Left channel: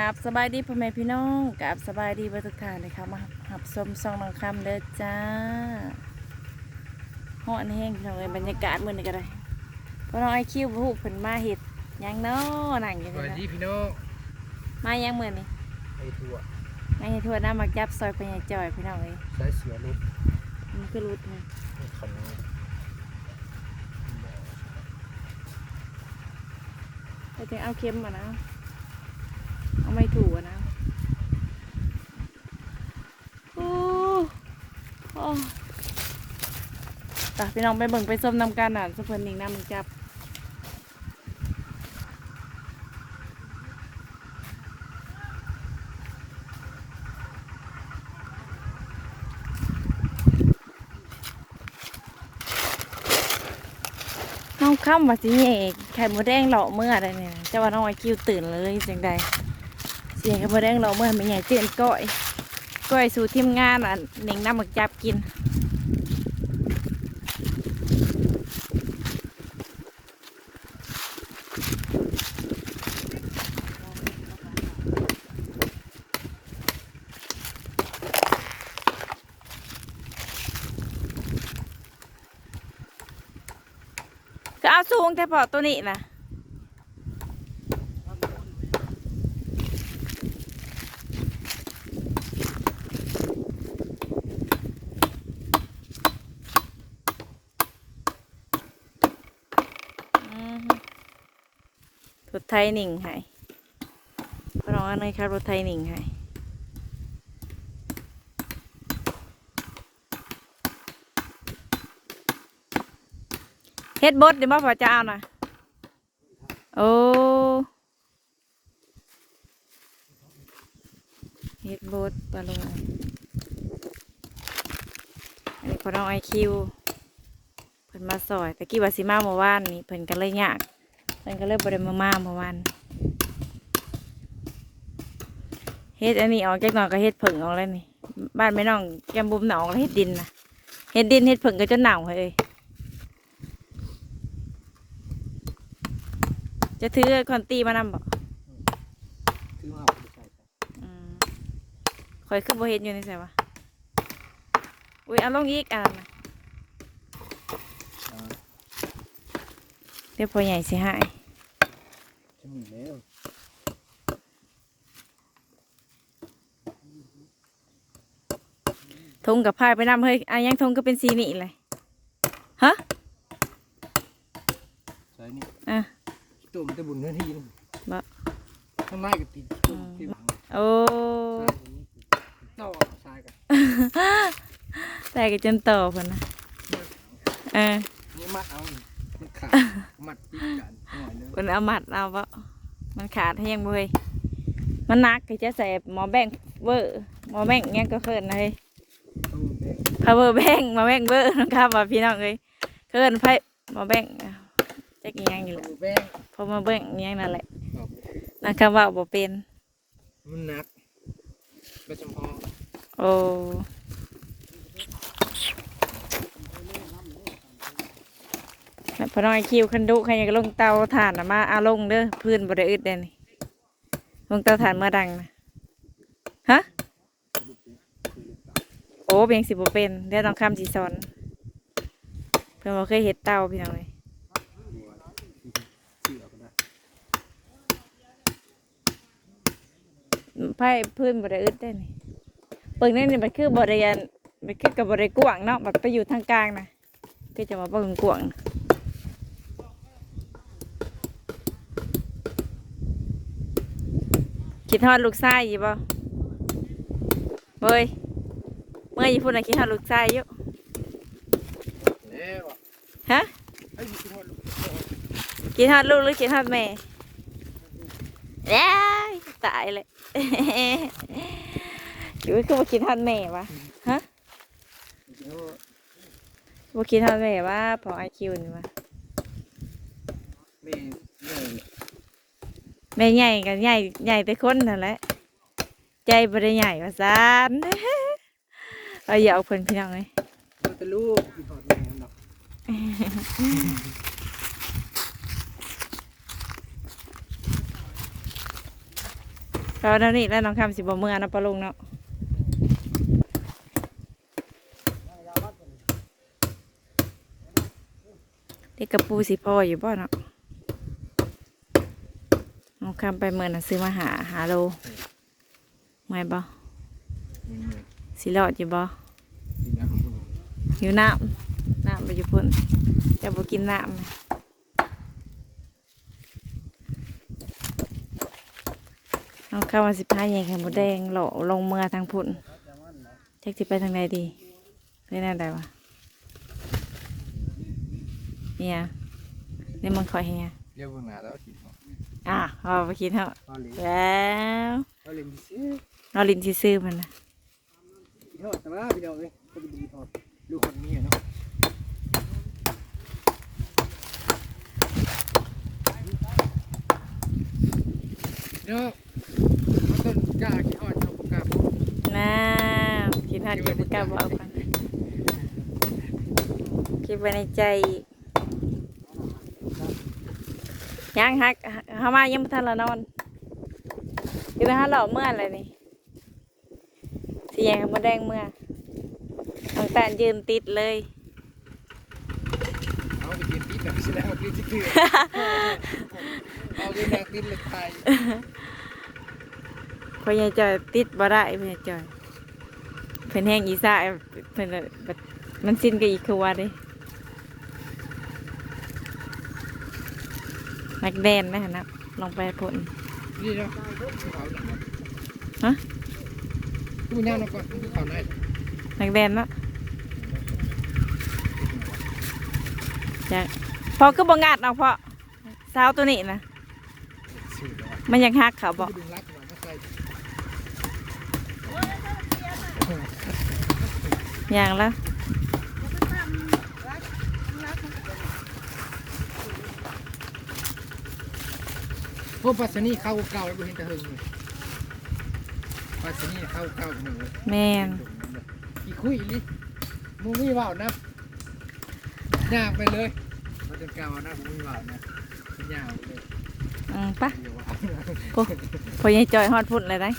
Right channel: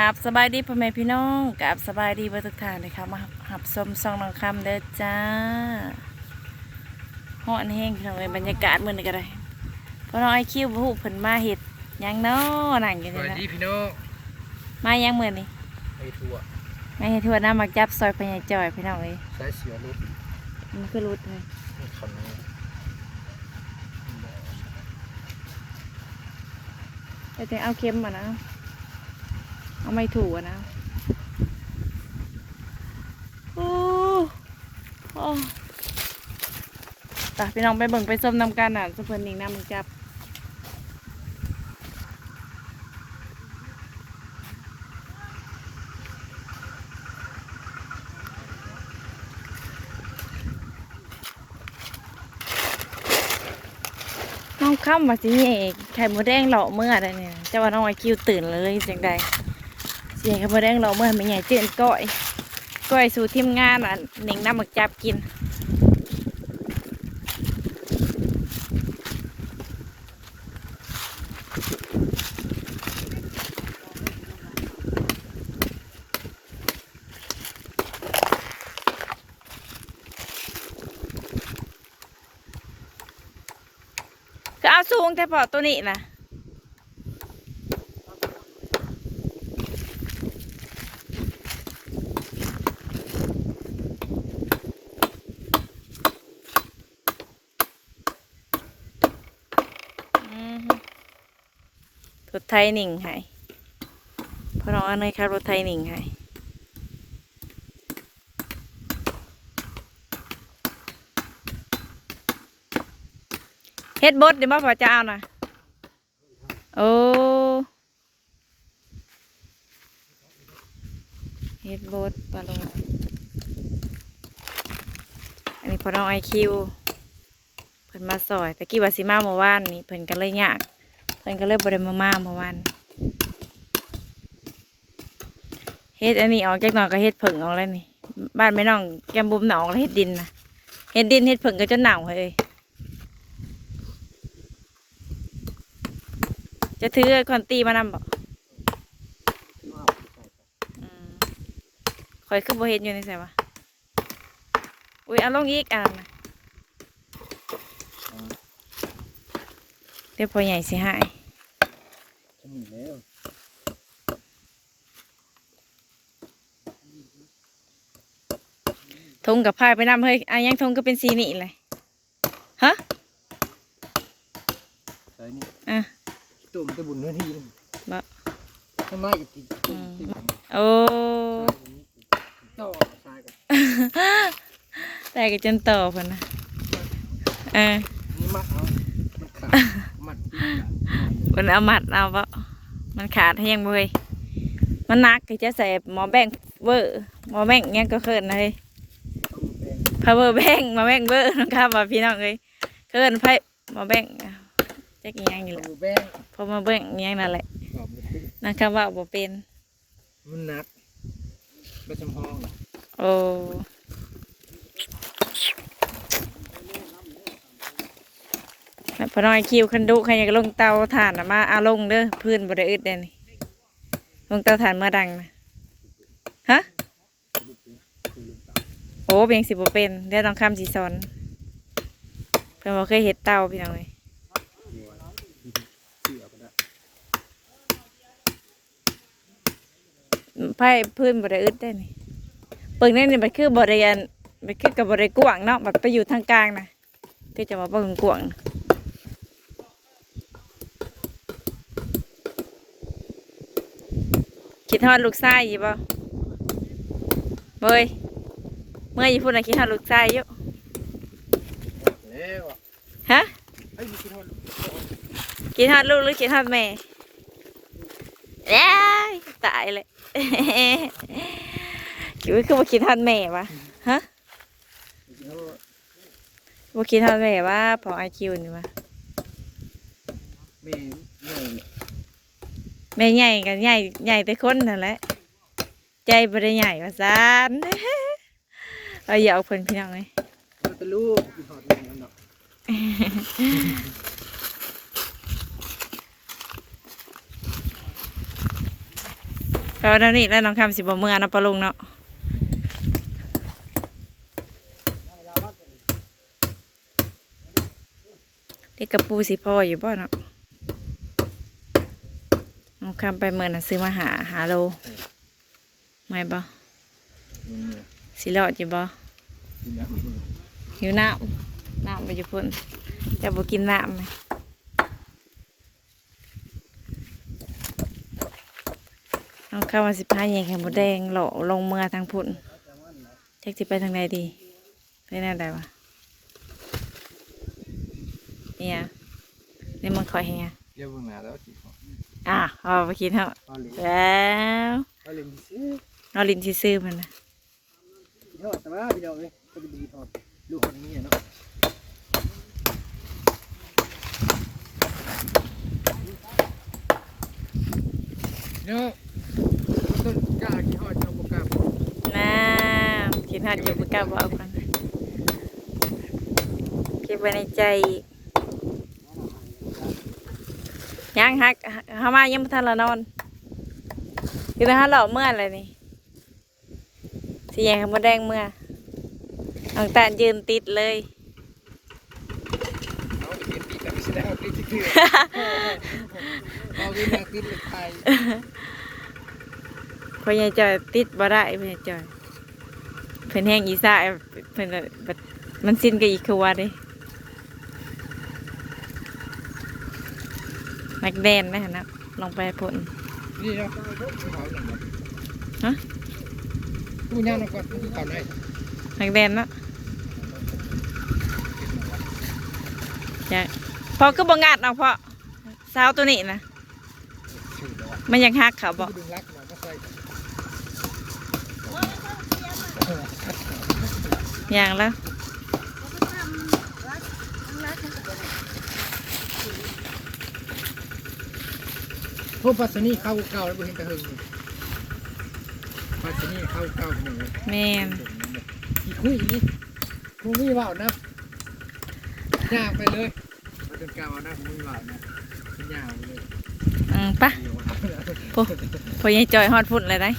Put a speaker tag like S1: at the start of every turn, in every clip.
S1: กับสบายดีพ่อแม่พี่น้องกับสบายดีเบอร์ทุกท่านเลยค่ะมาหับชมซองน้องคำเด้อจ้าห้อนแห้งพี่น้องเลยบรรยากาศเหมือนกันเลยพอน้องไอคิวผู้เพิ่นมาเห็ดหยังเนาะนั่งอยู่
S2: ส
S1: นี่
S2: วัส
S1: นะ
S2: ดีพี่น้อง
S1: มายังมือนี่
S2: ไอ้ทั่ว
S1: มาเห็ดทั่วหน้ามักจับซอยพญายจอยพี่น้องเลย
S2: สายเสือรุด
S1: มันคือรุดเลย
S2: ขันนี้
S1: ไปถึงเอาเค็มมานะ เอาไม่ถูกนะโอ้โอ้ตาพี่น้องไปเบิ่งไปส้มนำกันอะสุเพิ่นนิ่งน้ำมันจับน้องค่ำว่าสิเอกไข่มดแดงเหลาเมื่อใดเนี่ยเจ้าว่าน้องไอคิวตื่นเลยจังใด เสียงไข่มดแดงเหลาเมื่อไม่ใหญ่เจนก้อยก้อยสู่ทีมงานอะหนึ่งน้ำหมักจับกินก็เอาสูงแต่พอตัวนี้นะอือฮึรถ ไทยหนิงให้พอน้องอันนี้ครับรถไทยหนิงให้เฮ็ดบดเดี๋ยวมาพอจะเอานะโอ้เฮ็ดบดไปเลยอันนี้พอน้องไอคิวเพิ่นมาซอยแต่กี้ว่าสิมาเมื่อวานนี่เพิ่นก็เลยยาก เพิ่นก็เลยบ่ได้มามาเมื่อวานเฮ็ดอันนี้ออกจากหนองก็เฮ็ดผึ่งออกแล้วนี่ บ้านแม่น้องแกมบุมหนองแล้วเฮ็ดดินนะเฮ็ดดินเฮ็ดผึ่งก็จนหนาวเลยจะถือคอนตีมานำบ่
S2: คือว่า
S1: อืมคอยคือบ่เห็นอยู่ในใส่วะอุ้ยเอาลงอีกอ่านนะเดี๋ยวพอใหญ่สิหาย
S2: จะมีแล้ว
S1: ทงกับพายไปนำเฮ้ยอะยังทงก็เป็นสีนี่เลยฮะ
S2: สายนี้
S1: อะ
S2: ตุ่มจะบุญเนื้อที่
S1: บ่
S2: ข้างในกับตีตุ่มที่บัง
S1: โอ้
S2: ต่อสายกัน
S1: ได้กันจนต่อพันนะอ่า
S2: นี่มัดเอามันขาด มัดตีกัน
S1: มันเอามัดเอาปะมันขาดให้ยังบ่เฮ้ยมันหนักก็จะใส่หมอแบ่งเวอร์หมอแบ่งยังก็เคินนะเฮ้ย power bank หมาแบ่งเบอร์นะครับว่าพี่น้องเอ้ยเคินไพ่หมาแบ่งจะกี่ยังอยู่แหละ
S2: แป้ง
S1: พอมาแบ่งยังนั่นแหละ
S2: ขอบ
S1: นะครับว่าบ่เป็น
S2: มันนักก็จำห้อง
S1: โอ้แล้ว พอน้อยคิวคันดุใครอยากลงเตาถ่านมาอาลงเด้อพื้นบริอึดเด้อนี่ลงเตาถ่านเมื่อดังนะฮะโอ้เบียงสิบเป็นเดี๋ยวต้องข้ามสีซอนเพิ่อนบ่เคยเห็ดเตาพี่น้องเอ้ย
S2: ได้
S1: ไพ่พื้นบริอึดได้นี่เปิงนี่นี่มันคือบริยานมันคือกับบริกวางเนาะมันไปอยู่ทางกลางนะก็จะมาเปิงกวาง คิดทอดลูกไส้ยี่บ่เฮ้ยเมื่ออยู่พูดนะคิดทอดลูกไส้อยู่
S2: แล้วอะ
S1: ฮะ
S2: ไอ้ยมีคิดว่า
S1: คิดทอดลูกหรือคิดทอดแม่เอ้ยตายเลยคิดว่าคือว่าคิดทอดแม่วะฮะ
S2: คิดว่า
S1: บ่คิดทอดแม่ว่าพอไอคิวนี่วะ
S2: แม่ใหญ่
S1: แม่ใหญ่กันใหญ่ใหญ่แต่คนนั่นแหละ ใจบ่ได้ใหญ่ว่าซานเราอย่าเอาเพิ่นพี่น้องเลย
S2: มันเป็นลูกกินหอดแม่กันดอก
S1: เราเท่านี้แล้วน้องคำสิบ่เมื่อเนาะปะลุงเนาะเด็กกระปูสิพ่ออยู่บ่เนาะ น้องคำไปเมื่อน่ะซื้อมาหาหาโลไม่บ่
S2: อืม
S1: สิรอดอยู่บ่
S2: กินยาคน
S1: หิวน้ำน้ำไปอยู่พุ่นจะบ่กินน้ำไหมน้องคำว่าสิพาแยงไข่มดแดงหล่อลงเมื่อทางพุ่นจักสิไปทางใดดีไปแนวใดวะเนี่ยนี่มันคอยเฮีย
S2: เรียกว่าหนาแล้วกินห อด
S1: อะเอาไปกินเถอะ
S2: เอาเลย
S1: แล้ว
S2: เอาเลยซื้อ
S1: เราลินซื่อๆมันนะ
S2: กินทอดแต่ว่าพี่น้องเอ้ยก็จะดีทอดลูกคนนี้เนาะเนี่ยต้มจ้ากินทอดเอาปากกาบอก
S1: น้ำกินหัดอยู่ปกล้าบอกกันเก็บไว้ในใจอีก ยังฮักเขามายังไม่ทันละนอนอยู่นะฮะหล่อเมื่ออะไรนี่สีแยงขมดแดงเมื่อน้องตาลยืนติดเลย
S2: เอยังว่าปีที่คือเอาไปมากินเลยไทย
S1: พอยายจอยติดบ่ได้พอยายจอยเพิ่นแห้งอีสาเพิ่นมันสิ้นกับอีกคือว่าเด้ นักแดนนะฮะนะลองไปพ่น
S2: นี่นะ
S1: ฮะ
S2: นี่นะนะครับนี่กันได้
S1: นักแดนเนาะอยากพอก็บ่งาดเอาเพราะสาวตัวนี้นะ
S2: สี่ดอก
S1: มันยังฮักเขาบอก
S2: ดึงรักหน่อยก็ใส่
S1: อย่างแล้ว
S2: พวกปัสสนี่เข้าเก่าแล้วบ่เห็นกระหึ่งนี่ปัสสนี่เข้าเก่าหนึ่งเอ้ย
S1: แม่น
S2: อีคุยอีนี่มึงมีว่านะยากไปเลยมาจนเก่านะมึงมีว่านะเป็นยากเลย
S1: อืมปะ
S2: เดี๋ยวว่า
S1: พอพอยายจอยฮอดพุ่นเลยได้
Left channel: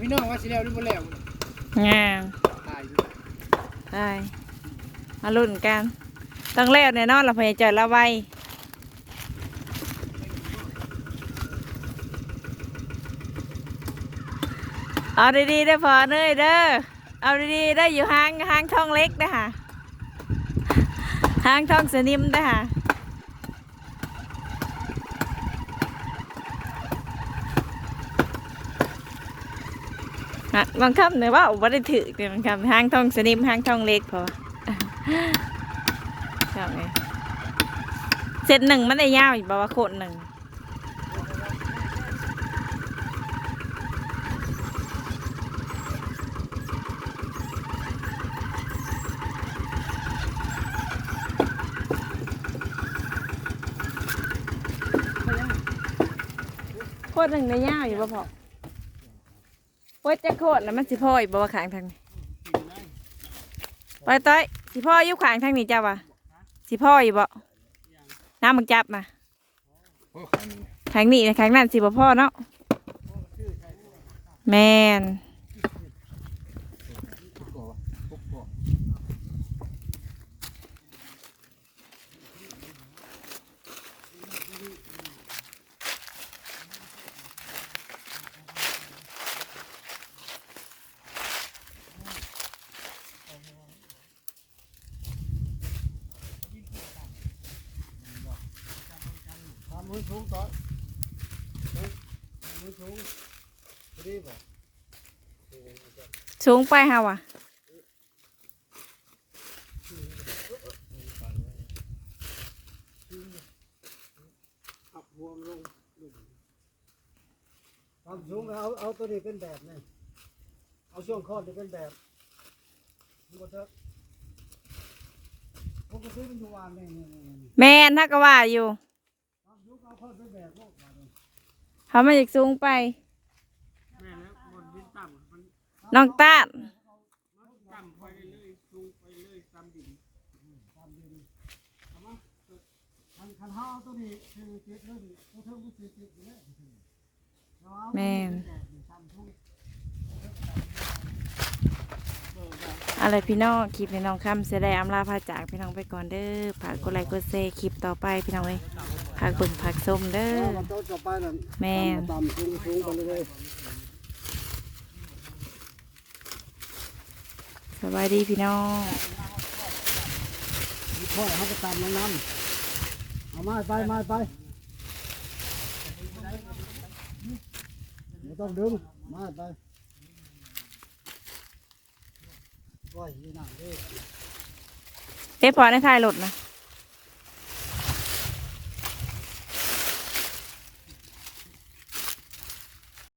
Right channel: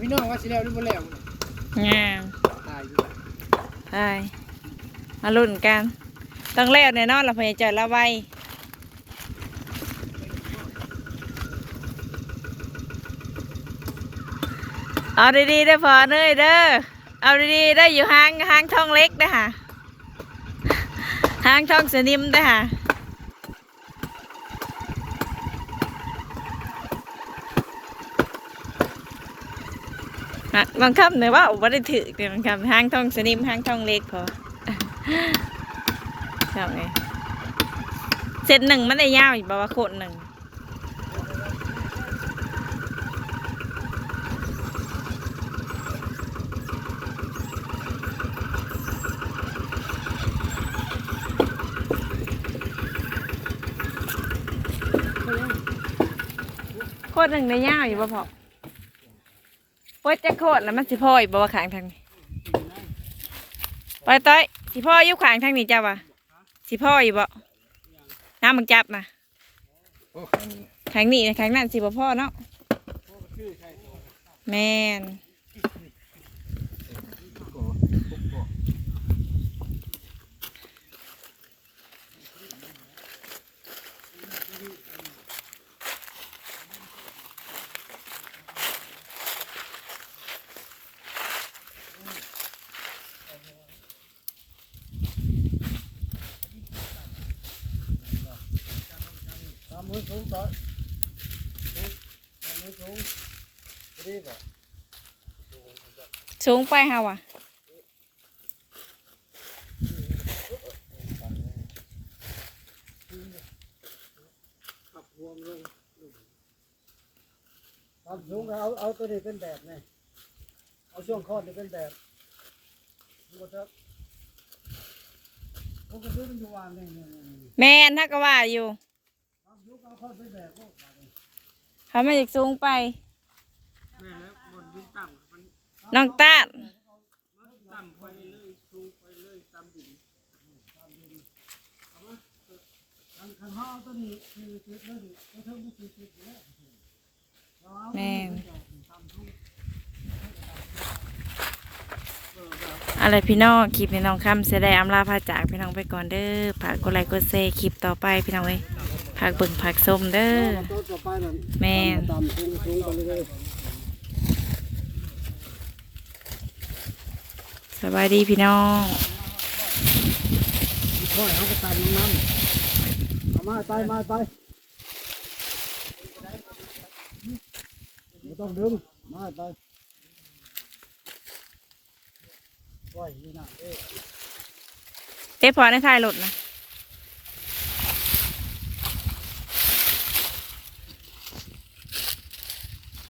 S2: พี่น้องว่าสิแล้วหรือบ่แล้ว
S1: งาม
S2: ตายอยู่
S1: ไปมาลุ้นกันต้องเล่วแน่นอนเราพยายามละไว้เอาดีๆได้อพอเนยเด้อเอาดีๆได้ออยู่ห้างห้างท่องเล็กนะฮะห้างท่องสนิมนะฮะ นะบางคำเนี่ยว่าอุบัติถือเนี่ยบางคำห้างท่องสนิมห้างท่องเล็กพอใช่ไงเซตหนึ่งมันได้ยาวอีกบอกว่าโคตรหนึ่งโคตรหนึ่งได้ยาวอยู่บ่พอ โคตรจะโคตรแล้วมันสิพ่ออีกบ่ว่าขางทางนี้ไปต้อยสิพ่ออยู่ขางทางนี้จ้าวะสิพ่ออยู่บ่น้ำมึงจับนะ
S2: โอ้อันนี้
S1: ขางนี้นะขางนั้นสิบ่พ่อเนาะแมน
S2: ทุกโกทุกโก ทำ มือสูงต่อทำมือสูงรีบอะ
S1: สูงไปฮะวะ
S2: ขับพวงลงความสูงก็เอาเอาตัวนี้เป็นแบบนี่เอาช่วงคอนี่เป็นแบบดูเถอะ
S3: ปกติมันอยู่วางนี่นี่นี่นี่
S1: แม่นถ้าก็ว่าอยู่
S3: ทำยุก เอาเข้าไปแบกโลกบาดนี้
S1: เขาไม่อยากสูงไป
S3: แม่แล้วบนดินต่ำมัน
S1: น้องตาด
S3: ต่ำไปเรื่อยๆสูงไปเรื่อยๆต่ำดินต่ำดินเอามาคันคันห้าตัวนี้คือติดเลยนี่ก็เท่ากับติดติดอยู่แล้วเราเอาตัวนี้ไปแบกนี่ต่ำทุก
S1: อะไรพี่น้องคลิปนี้น้องคำเสียดายอำลาพาจากพี่น้องไปก่อนเด้อฝากกดไลค์กดแชร์คลิปต่อไปพี่น้องเอ้ย ฝากเบิ่งฝากส้มเด้อ
S3: ต้นต่อไปนั่น
S1: แม่น
S3: ต่ำสูงสูงไปเรื่อย
S1: สบายดีพี่น้อง
S3: ๆค่อยเอาไปต่ำลงน้ำเอาไม้ไปไม้ไปไม่ต้องดึงไม้ไปปล่อยนี่นะเด้
S1: เอ๊ะพอในท้ายรถนะ